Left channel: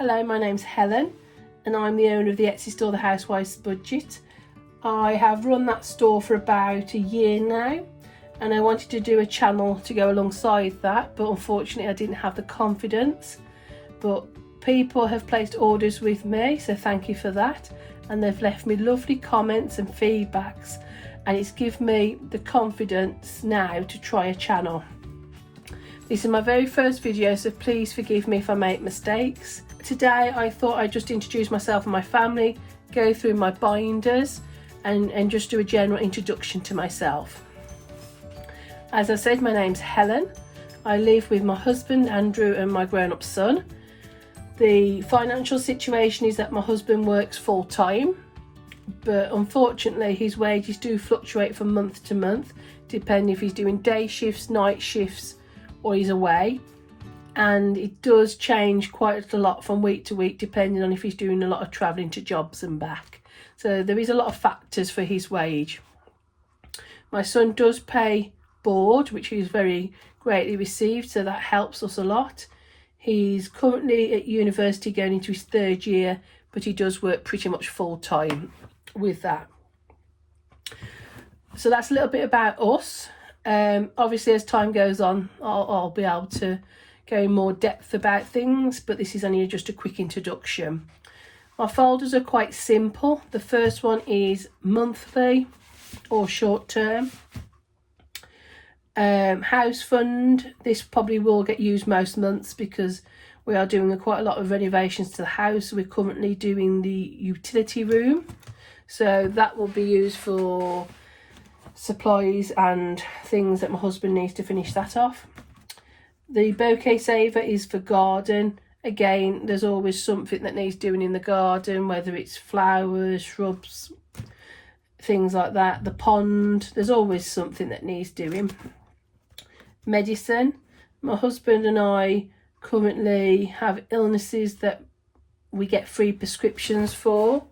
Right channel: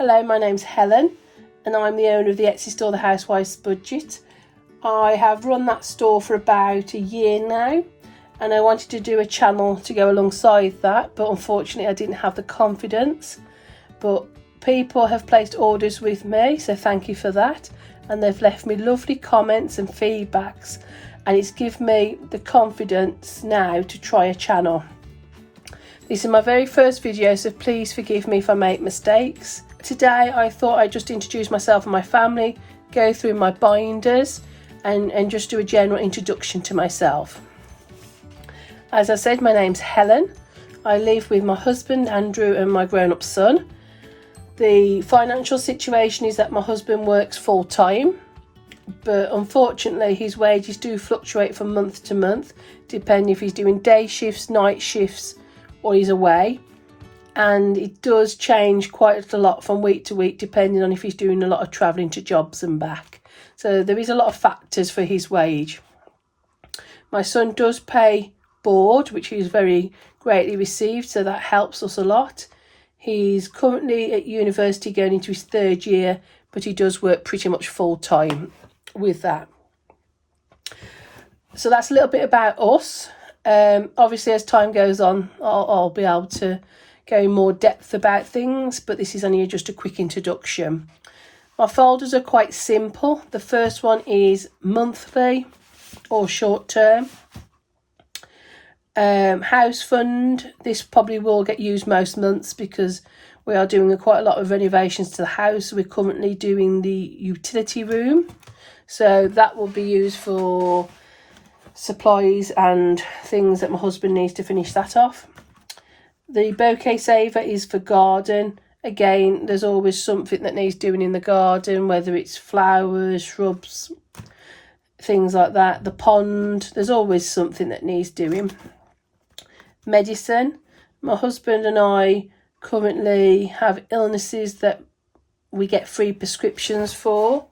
Hello, my name's Helen and I'm the owner of the Etsy store The Housewife's Budget. I have run that store for about a year now and I wanted to do a channel to go alongside that, but unfortunately I didn't have the confidence. But people have placed orders with me, so thank you for that, and they've left me lovely comments and feedbacks, and it's given me the confidence now to try a channel. This is my very first video, so please forgive me if I make mistakes. Today I thought I'd just introduce myself and my family, go through my binders and just do a general introduction to myself. As I said, my name's Helen. I live with my husband Andrew and my grown-up son. The financial situation is that my husband works full-time, but unfortunately his wages do fluctuate from month to month, depending if he's doing day shifts, night shifts, or he's away. And it does change quite a lot from week to week, depending on if he's doing a lot of travelling to jobs and back. So there is a lot of factors for his wage. My son does pay board, which is very greatly received, so that helps us a lot. He's currently at university going into his third year, but he does work pretty much full time with that. So that's a little bit about us. Obviously as time goes on I'll be able to go in more depth about things, but this is only just a quick introduction. My folders are quite simple. The first one is monthly or short term. House fund, this probably will get used most months because we are doing quite a lot of renovations to the house. We're currently doing the utility room, so that will be used for supplies and things that my husband needs to finish that off. The bouquet saver is for garden. Again, there's always something that needs doing in the garden, whether it's flowers, shrubs, things like that. The pond, there's always something that needs doing. Medicine, my husband and I currently have illnesses that we get free prescriptions for,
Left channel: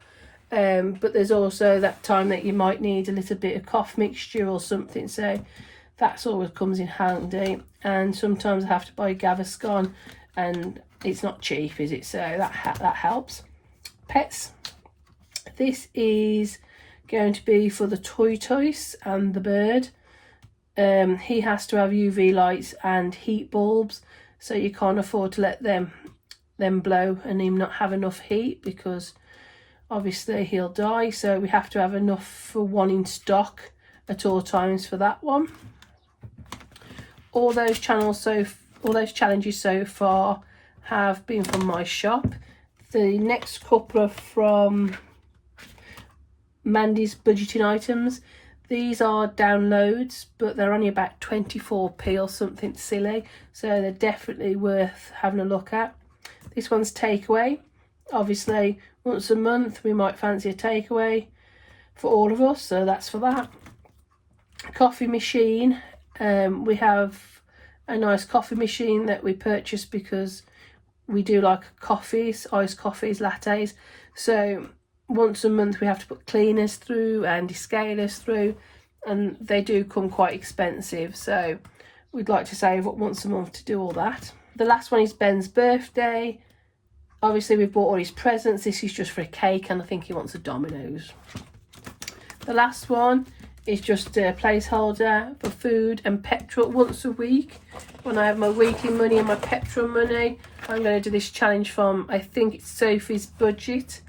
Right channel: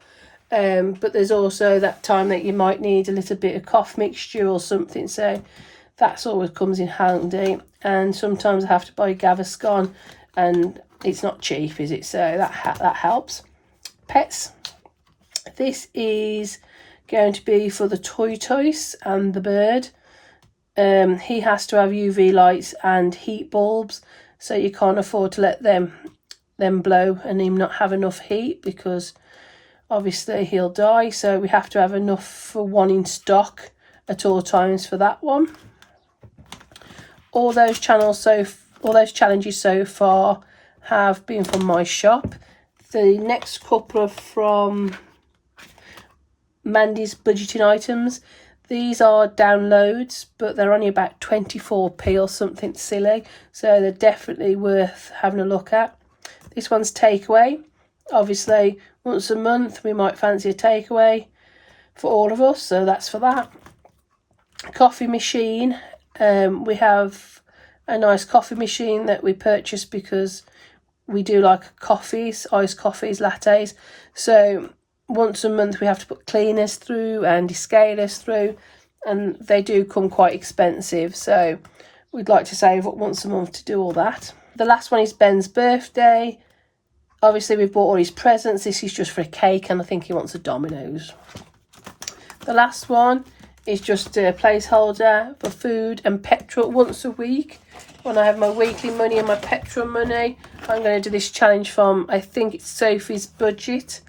but there's also that time that you might need a little bit of cough mixture or something, so that's always comes in handy. And sometimes I have to buy Gaviscon and it's not cheap, is it? So that helps. Pets, this is going to be for the tortoise and the bird. He has to have UV lights and heat bulbs, so you can't afford to let them blow and him not have enough heat, because obviously he'll die. So we have to have enough for one in stock at all times for that one. All those challenges so far have been from my shop. The next couple are from Mandy's budgeting items. These are downloads, but they're only about 24p or something silly, so they're definitely worth having a look at. This one's takeaway. Obviously once a month we might fancy a takeaway for all of us, so that's for that. Coffee machine, we have a nice coffee machine that we purchased because we do like coffees, iced coffees, lattes, so once a month we have to put cleaners through and descalers through, and they do come quite expensive, so we'd like to save up once a month to do all that. The last one is Ben's birthday. Obviously we've bought all his presents. This is just for a cake and I think he wants a Domino's. The last one is just a placeholder for food and petrol once a week. When I have my weekly money and my petrol money, I'm going to do this challenge from, I think it's Sophie's Budget,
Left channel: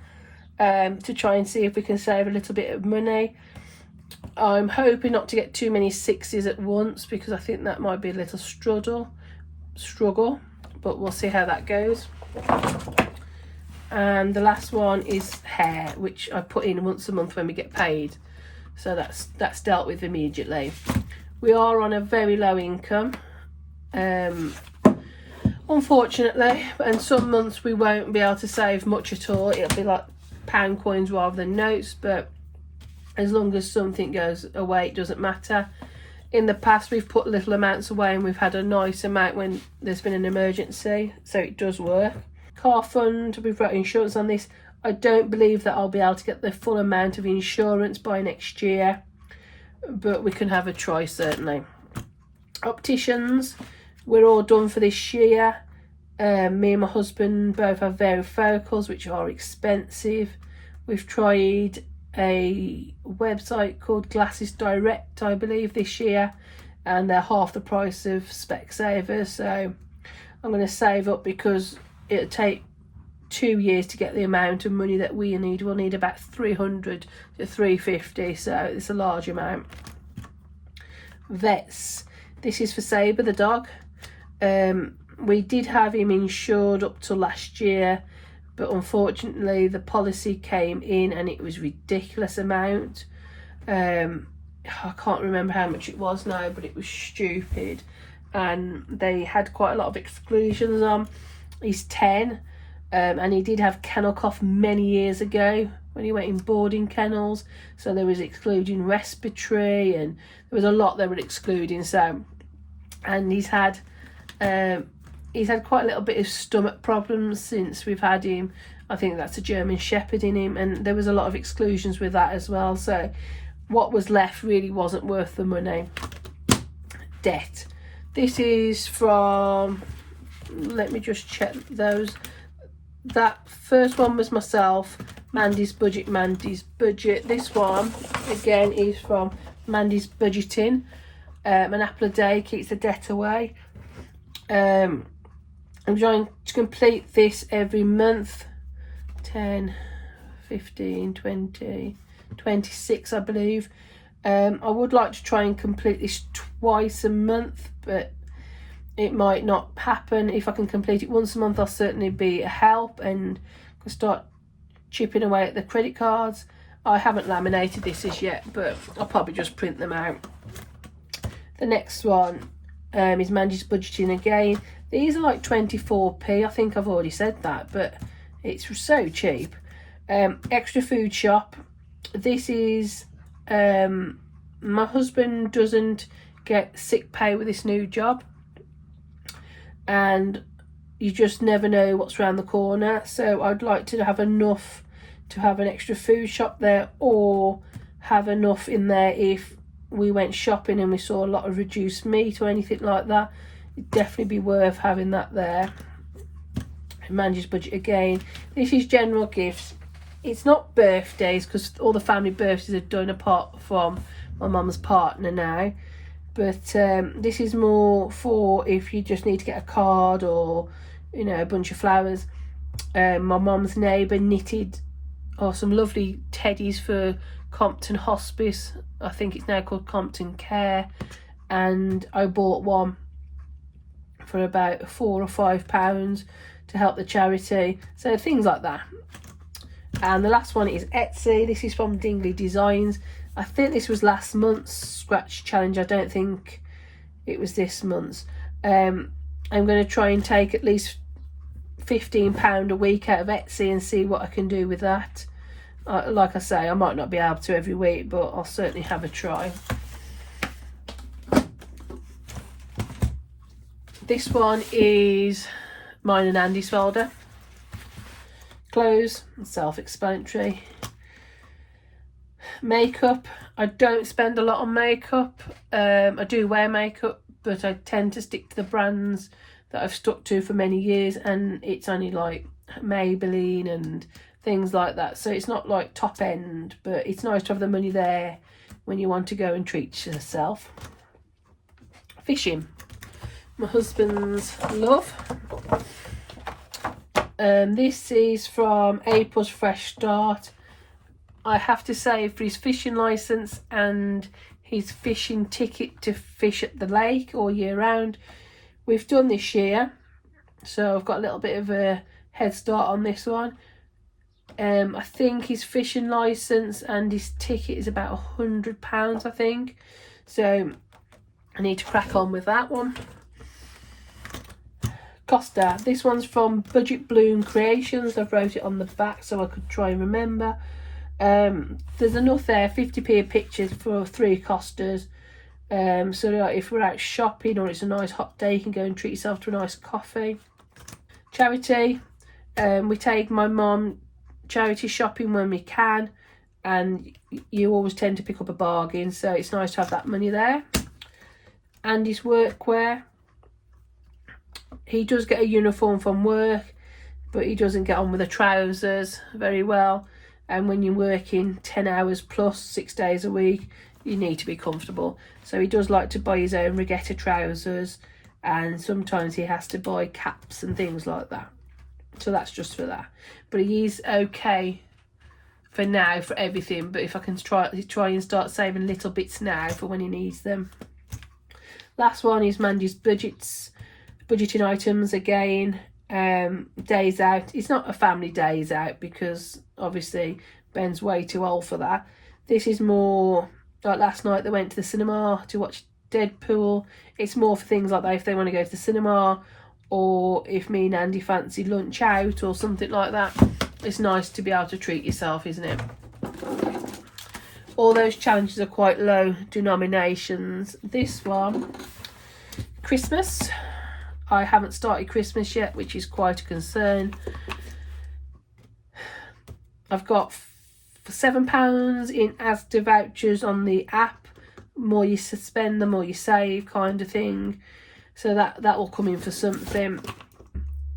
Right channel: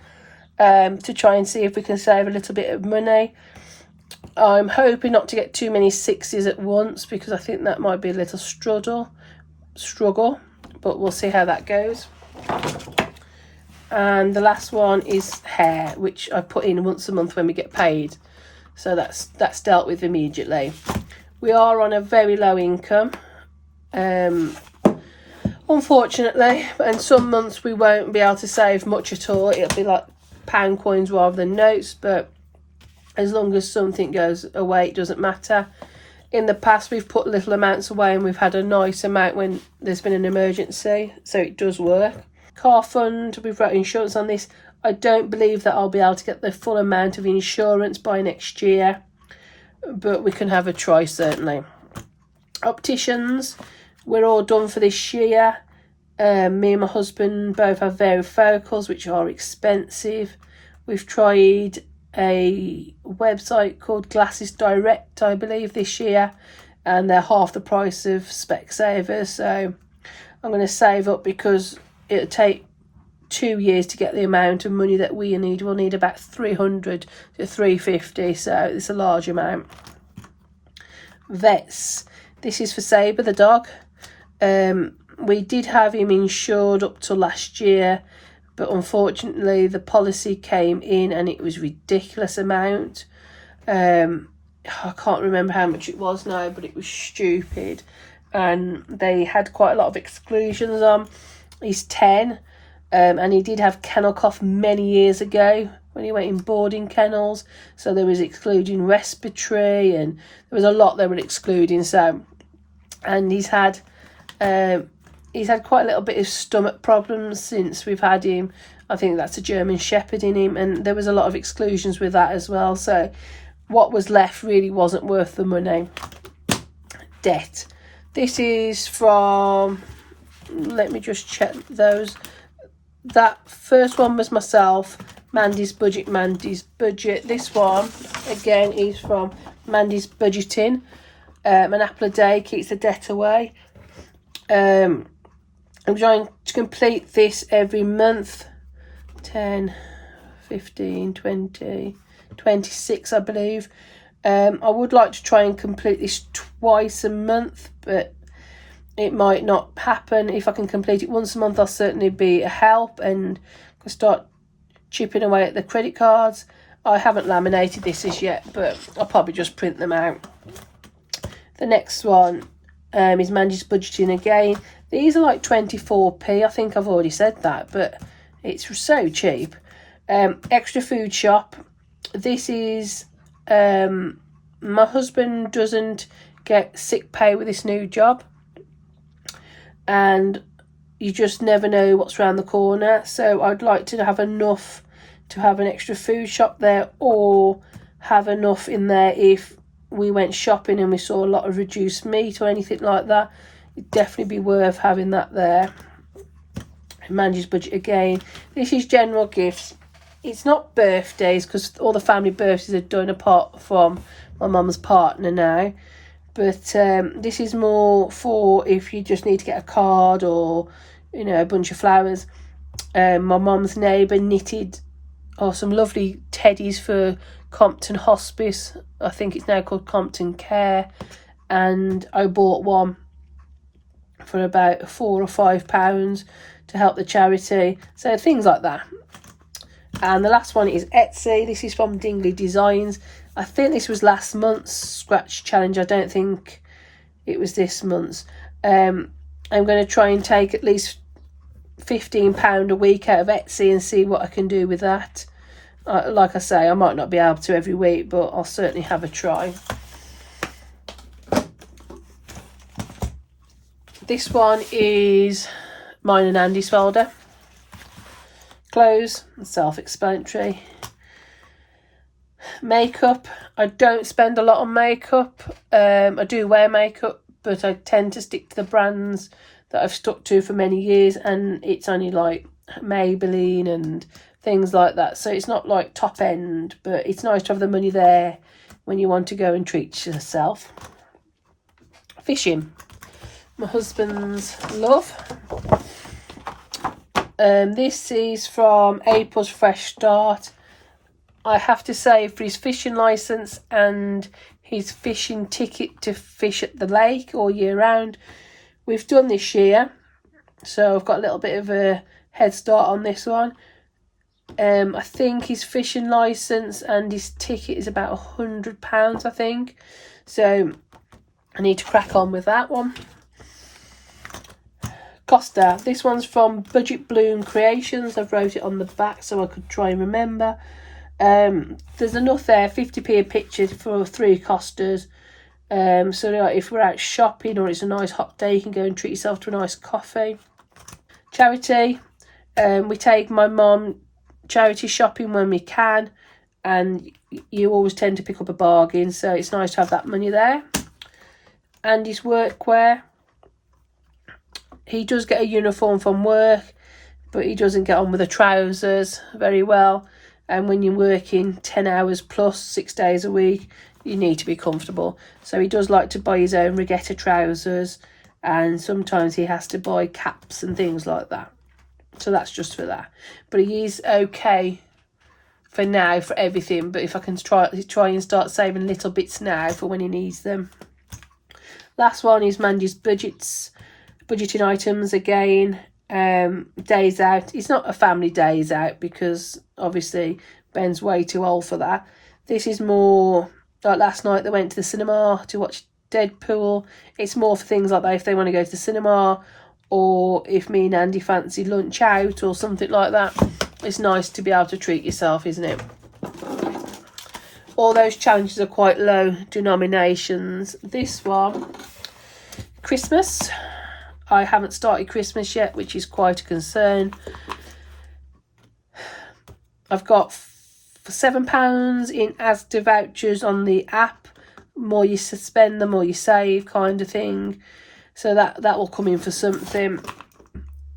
to try and see if we can save a little bit of money. I'm hoping not to get too many sixes at once because I think that might be a little struggle, but we'll see how that goes. And the last one is hair, which I put in once a month when we get paid, so that's dealt with immediately. We are on a very low income, unfortunately, and some months we won't be able to save much at all. It'll be like pound coins rather than notes, but as long as something goes away it doesn't matter. In the past we've put little amounts away and we've had a nice amount when there's been an emergency, so it does work. Car fund, we've wrote insurance on this. I don't believe that I'll be able to get the full amount of insurance by next year, but we can have a try certainly. Opticians, we're all done for this year. Me and my husband both have varifocals, which are expensive. We've tried a website called Glasses Direct, I believe, this year, and they're half the price of Specsavers. So I'm going to save up, because it'll take 2 years to get the amount of money that we need. We'll need about 300 to 350, so it's a large amount. Vets. This is for Sabre, the dog. We did have him insured up to last year, but unfortunately the policy came in and it was ridiculous amount. I can't remember how much it was now, but it was stupid, and they had quite a lot of exclusions on. He's 10, and he did have kennel cough many years ago when he went in boarding kennels, so there was excluding respiratory, and there was a lot they were excluding. So, and he's had quite a little bit of stomach problems since we've had him. I think that's a German Shepherd in him, and there was a lot of exclusions with that as well. So what was left really wasn't worth the money. Debt. This is from, let me just check those. That first one was myself, Mandy's Budget, Mandy's Budget. This one, again, is from Mandy's Budgeting. An apple a day keeps the debt away. I'm trying to complete this every month. 10, 15, 20, 26, I believe. I would like to try and complete this twice a month, but it might not happen. If I can complete it once a month, I'll certainly be a help and start chipping away at the credit cards. I haven't laminated this as yet, but I'll probably just print them out. The next one is Mandy's Budgeting again. These are like 24p. I think I've already said that, but it's so cheap. Extra Food Shop. This is, my husband doesn't get sick pay with this new job, and you just never know what's around the corner. So I'd like to have enough to have an extra food shop there, or have enough in there if we went shopping and we saw a lot of reduced meat or anything like that. It'd definitely be worth having that there. Mandy's Budget again. This is general gifts. It's not birthdays, because all the family birthdays are done apart from my mum's partner now. But this is more for if you just need to get a card or, you know, a bunch of flowers. My mum's neighbour knitted some lovely teddies for Compton Hospice. I think it's now called Compton Care. And I bought one for about £4 or £5 to help the charity. So things like that. And the last one is Etsy. This is from Dingley Designs. I think this was last month's scratch challenge. I don't think it was this month's. I'm going to try and take at least £15 a week out of Etsy and see what I can do with that. Like I say, I might not be able to every week, but I'll certainly have a try. This one is mine and Andy's folder. Clothes, self-explanatory. Makeup. I don't spend a lot on makeup. I do wear makeup, but I tend to stick to the brands that I've stuck to for many years, and it's only like Maybelline and things like that. So it's not like top end, but it's nice to have the money there when you want to go and treat yourself. Fishing. My husband's love. This is from April's Fresh Start. I have to say, for his fishing licence and his fishing ticket to fish at the lake all year round, we've done this year, so I've got a little bit of a head start on this one. I think his fishing licence and his ticket is about £100, I think, so I need to crack on with that one. Costa. This one's from Budget Bloom Creations. I've wrote it on the back so I could try and remember. There's enough there, 50p a picture for 3 Costas. So if we're out shopping or it's a nice hot day, you can go and treat yourself to a nice coffee. Charity. We take my mum charity shopping when we can, and you always tend to pick up a bargain, so it's nice to have that money there. Andy's workwear. he does get a uniform from work, but he doesn't get on with the trousers very well. And when you're working 10 hours plus 6 days a week, you need to be comfortable. So he does like to buy his own regatta trousers, and sometimes he has to buy caps and things like that. So that's just for that. But he is okay for now for everything. But if I can try and start saving little bits now for when he needs them. Last one is Mandy's budgeting items again. Days out. It's not a family days out because obviously Ben's way too old for that. This is more like last night they went to the cinema to watch Deadpool. It's more for things like that, if they want to go to the cinema, or if me and Andy fancy lunch out or something like that. It's nice to be able to treat yourself, isn't it? All those challenges are quite low denominations. This one, Christmas. I haven't started Christmas yet, which is quite a concern. I've got £7 in Asda vouchers on the app. More you spend, the more you save, kind of thing. So that will come in for something.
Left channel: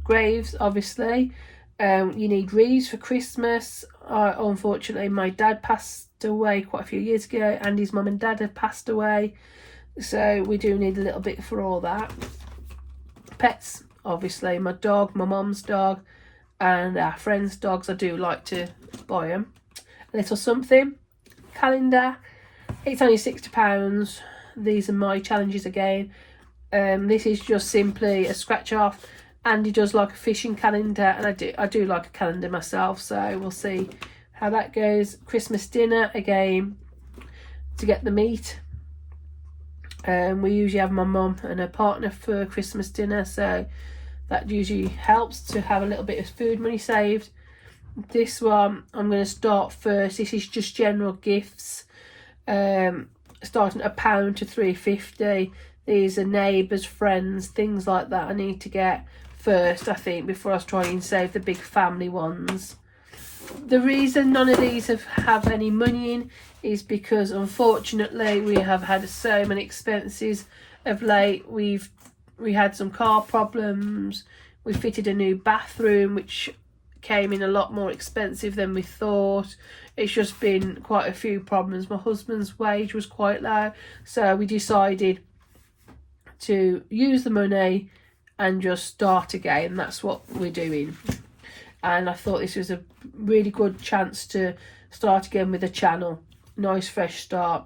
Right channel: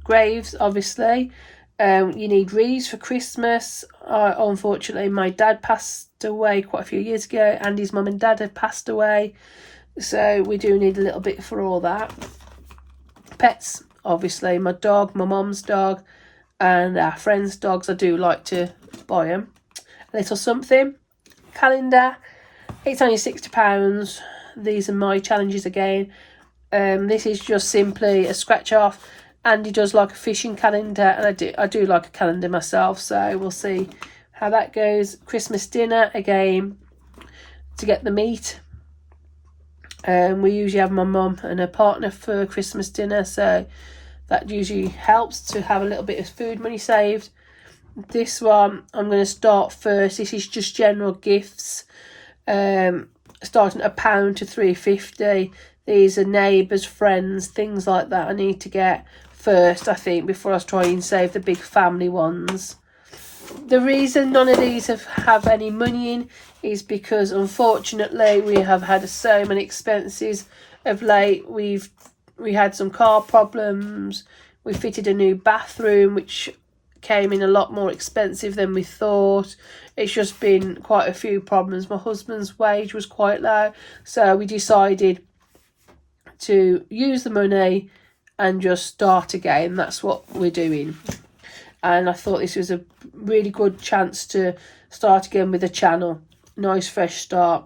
Graves, obviously. You need wreaths for Christmas. Unfortunately, my dad passed away quite a few years ago, and his mum and dad had passed away. So we do need a little bit for all that. Pets, obviously, my dog, my mum's dog, and our friends' dogs. I do like to buy them. A little something. Calendar. It's only £60. These are my challenges again. This is just simply a scratch off. Andy does like a fishing calendar, and I do like a calendar myself, so we'll see how that goes. Christmas dinner again to get the meat. We usually have my mum and her partner for Christmas dinner, so that usually helps to have a little bit of food money saved. This one I'm going to start first. This is just general gifts, starting at £1 to £3.50. These are neighbours, friends, things like that I need to get first, I think, before I try and save the big family ones. The reason none of these have any money in is because unfortunately we have had so many expenses of late. We had some car problems. We fitted a new bathroom which came in a lot more expensive than we thought. It's just been quite a few problems. My husband's wage was quite low, so we decided to use the money and just start again. That's what we're doing. And I thought this was a really good chance to start again with the channel. Nice fresh start.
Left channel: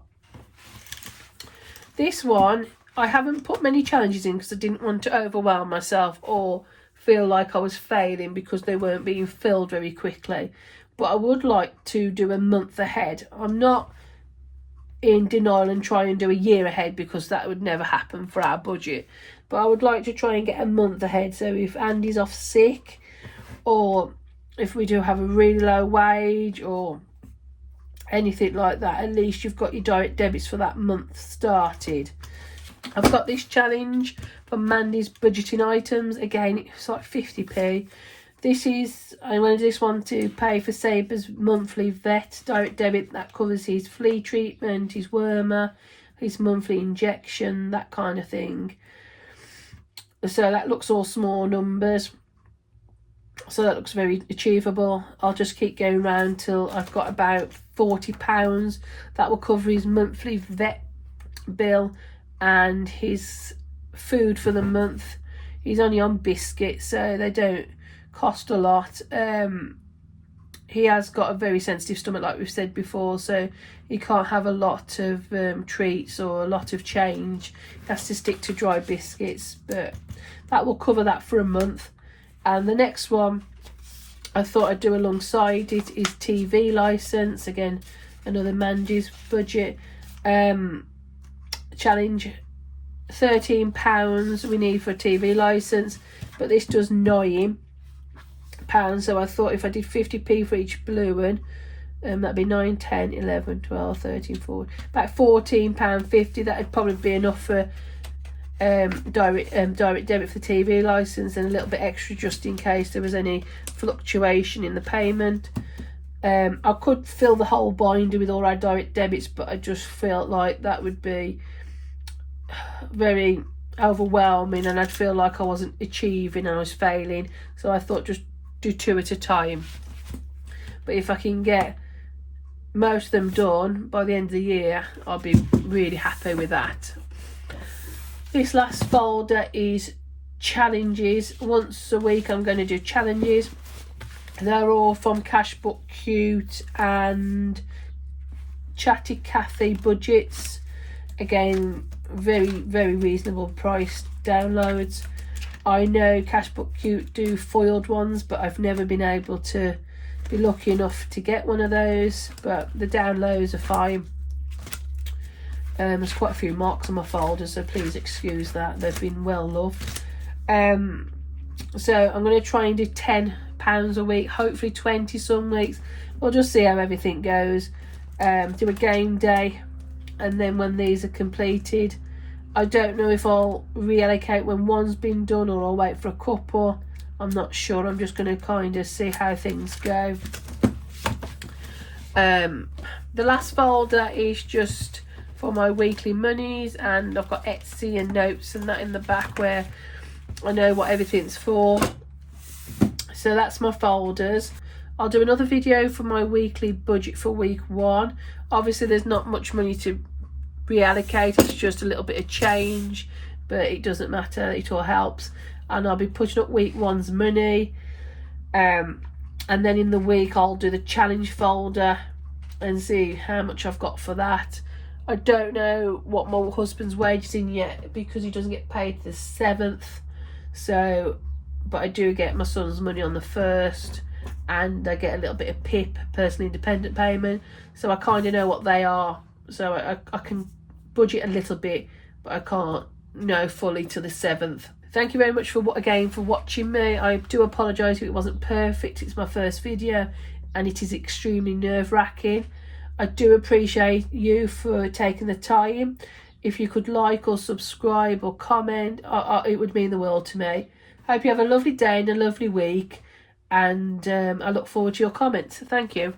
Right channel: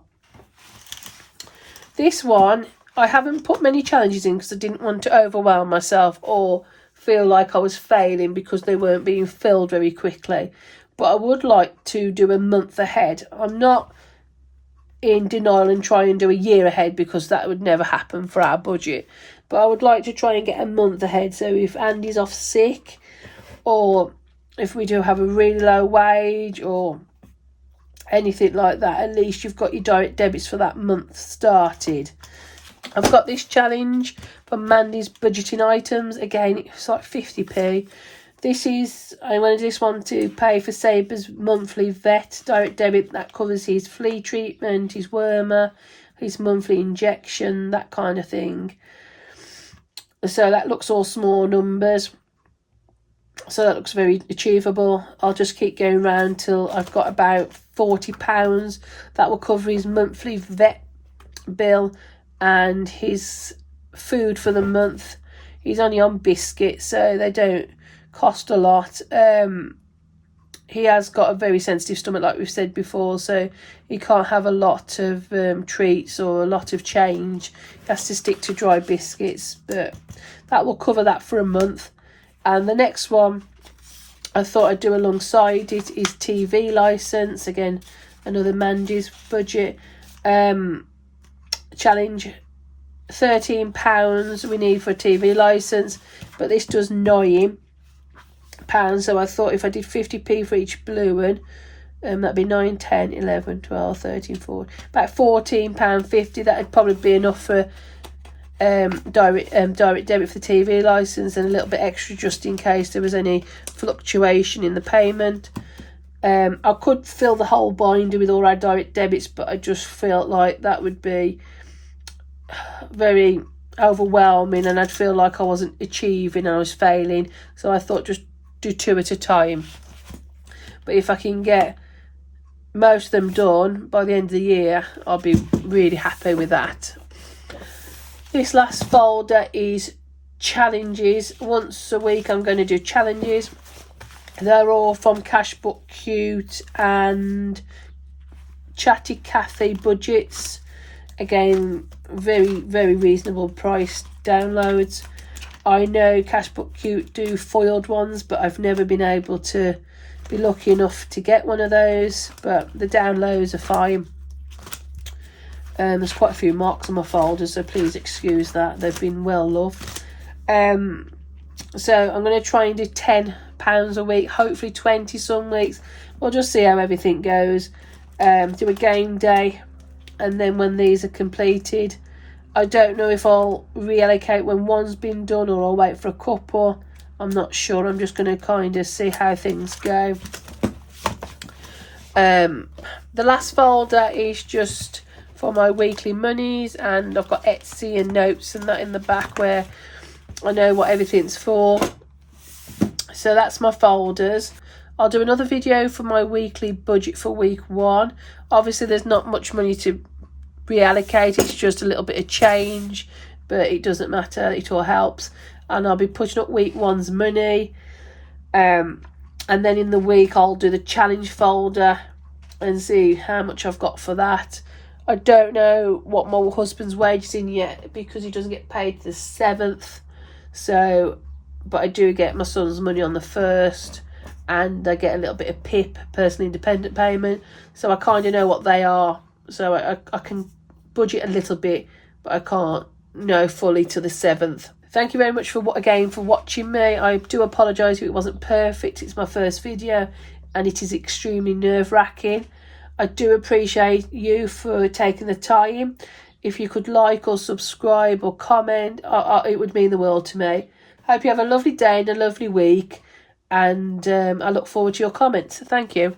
This one, I haven't put many challenges in because I didn't want to overwhelm myself or feel like I was failing because they weren't being filled very quickly. But I would like to do a month ahead. I'm not in denial and try and do a year ahead because that would never happen for our budget. But I would like to try and get a month ahead. So if Andy's off sick, or if we do have a really low wage or anything like that, at least you've got your direct debits for that month started. I've got this challenge for Mandy's budgeting items. Again, it's like 50p. I'm going to do this one to pay for Saber's monthly vet direct debit. That covers his flea treatment, his wormer, his monthly injection, that kind of thing. So that looks all small numbers. So that looks very achievable. I'll just keep going around till I've got about £40. That will cover his monthly vet bill and his food for the month. He's only on biscuits, so they don't cost a lot. He has got a very sensitive stomach, like we've said before, so he can't have a lot of treats or a lot of change. He has to stick to dry biscuits, but that will cover that for a month. And the next one I thought I'd do alongside it is TV licence. Again, another Mandy's budget challenge. £13 we need for a TV licence, but this does £9. So I thought if I did 50p for each blue one, that'd be 9, 10, 11, 12, 13, 14, about £14.50. That'd probably be enough for direct debit for the TV licence, and a little bit extra just in case there was any fluctuation in the payment. I could fill the whole binder with all our direct debits, but I just felt like that would be very overwhelming and I'd feel like I wasn't achieving, I was failing. So I thought just do 2 at a time. But if I can get most of them done by the end of the year, I'll be really happy with that. This last folder is challenges. Once a week I'm going to do challenges. They're all from Cashbook Cute and Chatty Cathy budgets. Again, very reasonable price downloads. I know Cashbook Cute do foiled ones, but I've never been able to be lucky enough to get one of those, but the downloads are fine. There's quite a few marks on my folders, so please excuse that. They've been well loved. So I'm going to try and do £10 a week, hopefully 20 some weeks. We'll just see how everything goes. Do a game day, and then when these are completed, I don't know if I'll reallocate when one's been done or I'll wait for a couple. I'm not sure. I'm just going to kind of see how things go. The last folder is just for my weekly monies, and I've got Etsy and notes and that in the back where I know what everything's for. So that's my folders. I'll do another video for my weekly budget for week 1. Obviously there's not much money to reallocate, it's just a little bit of change, but it doesn't matter, it all helps. And I'll be putting up week 1's money, and then in the week I'll do the challenge folder and see how much I've got for that. I don't know what my husband's wage is in yet because he doesn't get paid the 7th, so but I do get my son's money on the 1st, and I get a little bit of PIP, personal independent payment, so I kind of know what they are, so I can budget a little bit, but I can't know fully to the 7th. Thank you very much for watching me. I do apologise if it wasn't perfect. It's my first video and it is extremely nerve-wracking. I do appreciate you for taking the time. If you could like or subscribe or comment, it would mean the world to me. Hope you have a lovely day and a lovely week, and I look forward to your comments. Thank you.